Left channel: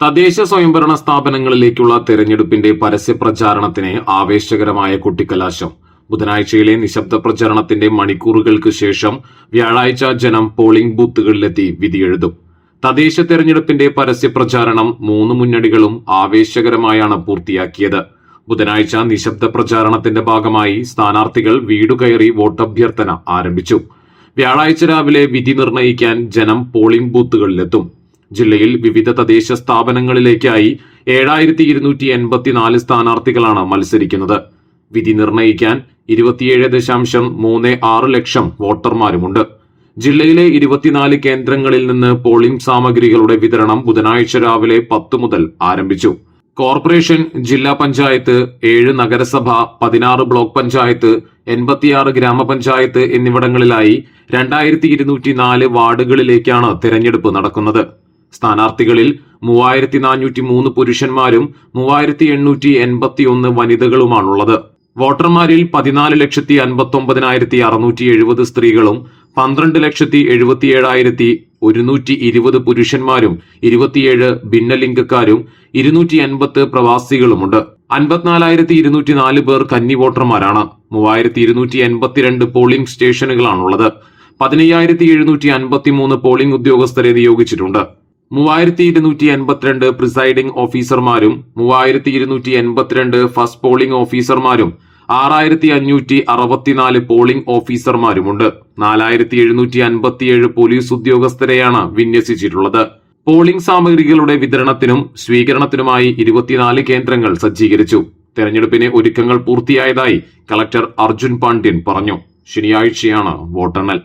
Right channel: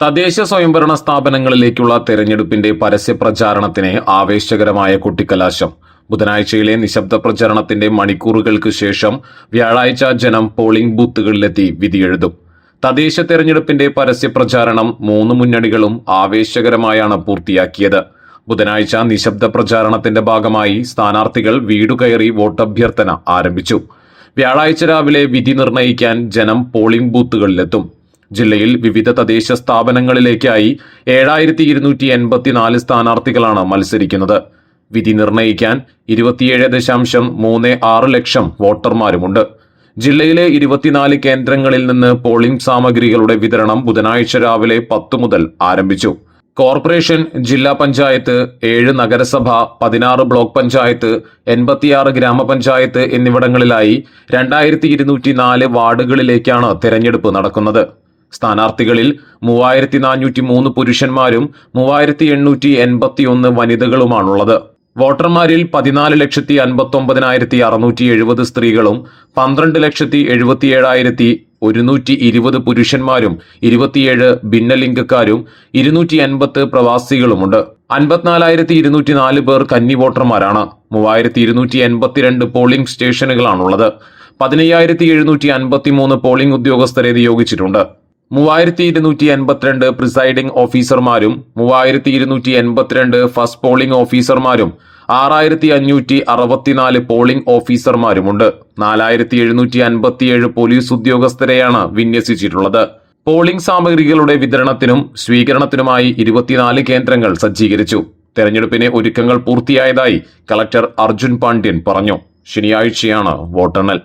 തദ്ദേശ സ്വയംഭരണ സ്ഥാപനങ്ങളിലേക്കുള്ള തെരഞ്ഞെടുപ്പിന്റെ പരസ്യപ്രചാരണത്തിന് ആവേശകരമായ കൊട്ടിക്കലാശം. ബുധനാഴ്ചയിലെ നിശബ്ദ പ്രചരണത്തിന്റെ മണിക്കൂറുകൾക്ക് ശേഷം വ്യാഴാഴ്ച ജനം പോളിംഗ് ബൂത്തുകളിലെത്തി വിധിയെഴുതും. തദ്ദേശ തെരഞ്ഞെടുപ്പിന്റെ പരസ്യപ്രചാരണം 3 മുന്നണികളും ആവേശകരമായാണ് പൂർത്തിയാക്കിയത്. ബുധനാഴ്ച നിശബ്ദ പ്രചാരണത്തിന്റെ ഭാഗമായി സ്ഥാനാർത്ഥികൾ വീടുകയറി വോട്ടഭ്യർത്ഥന ആരംഭിച്ചു. വ്യാഴാഴ്ച രാവിലെ വിധി നിർണയിക്കാൻ ജനം പോളിംഗ് ബൂത്തുകളിലെത്തും. ജില്ലയിൽ വിവിധ തദ്ദേശ സ്ഥാപനങ്ങളിലേക്കായി 7284 സ്ഥാനാർത്ഥികളാണ് മത്സരിക്കുന്നത്. വിധി നിർണയിക്കാൻ 27.36 ലക്ഷം വോട്ടർമാരുമുണ്ട്. ജില്ലയിലെ 24 കേന്ദ്രങ്ങളിൽ നിന്ന് പോളിംഗ് സാമഗ്രികളുടെ വിതരണം ബുധനാഴ്ച രാവിലെ 10 മുതൽ ആരംഭിച്ചു. കോർപ്പറേഷൻ, ജില്ലാ പഞ്ചായത്ത്, 7 നഗരസഭ, 16 ബ്ലോക്ക് പഞ്ചായത്ത്, 86 ഗ്രാമപഞ്ചായത്ത് എന്നിവിടങ്ങളിലായി 2204 വാർഡുകളിലേക്കാണ് തെരഞ്ഞെടുപ്പ് നടക്കുന്നത്. സ്ഥാനാർത്ഥികളിൽ 3403 പുരുഷന്മാരും 3881 വനിതകളുമാണുള്ളത്. വോട്ടർമാരിൽ 14,59,670 സ്ത്രീകളും 12,77,120 പുരുഷന്മാരും 27 ഭിന്നലിംഗക്കാരും 280 പ്രവാസികളുമുണ്ട്. 54,204 പേർ കന്നി വോട്ടർമാരാണ്. 3282 പോളിംഗ് സ്റ്റേഷനുകളാണുള്ളത്. 15,753 പോളിംഗ് ഉദ്യോഗസ്ഥരെ നിയോഗിച്ചിട്ടുണ്ട്. 3282 പ്രിസൈഡിംഗ് ഓഫീസർമാരും 3282 ഫസ്റ്റ് പോളിംഗ് ഓഫീസർമാരും 6564 പോളിംഗ് ഓഫീസർമാരുമുണ്ട്. 4757 പോലീസ് ഉദ്യോഗസ്ഥരെയാണ് വിന്യസിച്ചിട്ടുള്ളത്. പോളിംഗ് സാമഗ്രികളുടെ വിതരണത്തിനും സ്വീകരണത്തിനുമായി 24 കേന്ദ്രങ്ങൾ സജ്ജീകരിച്ചു. തെരഞ്ഞെടുപ്പിന് ഒരുക്കങ്ങൾ പൂർത്തിയായതായി കളക്ടർ അർജുൻ പാണ്ഡ്യൻ പറഞ്ഞു. ശനിയാഴ്ചയാണ് വോട്ടെണ്ണൽ.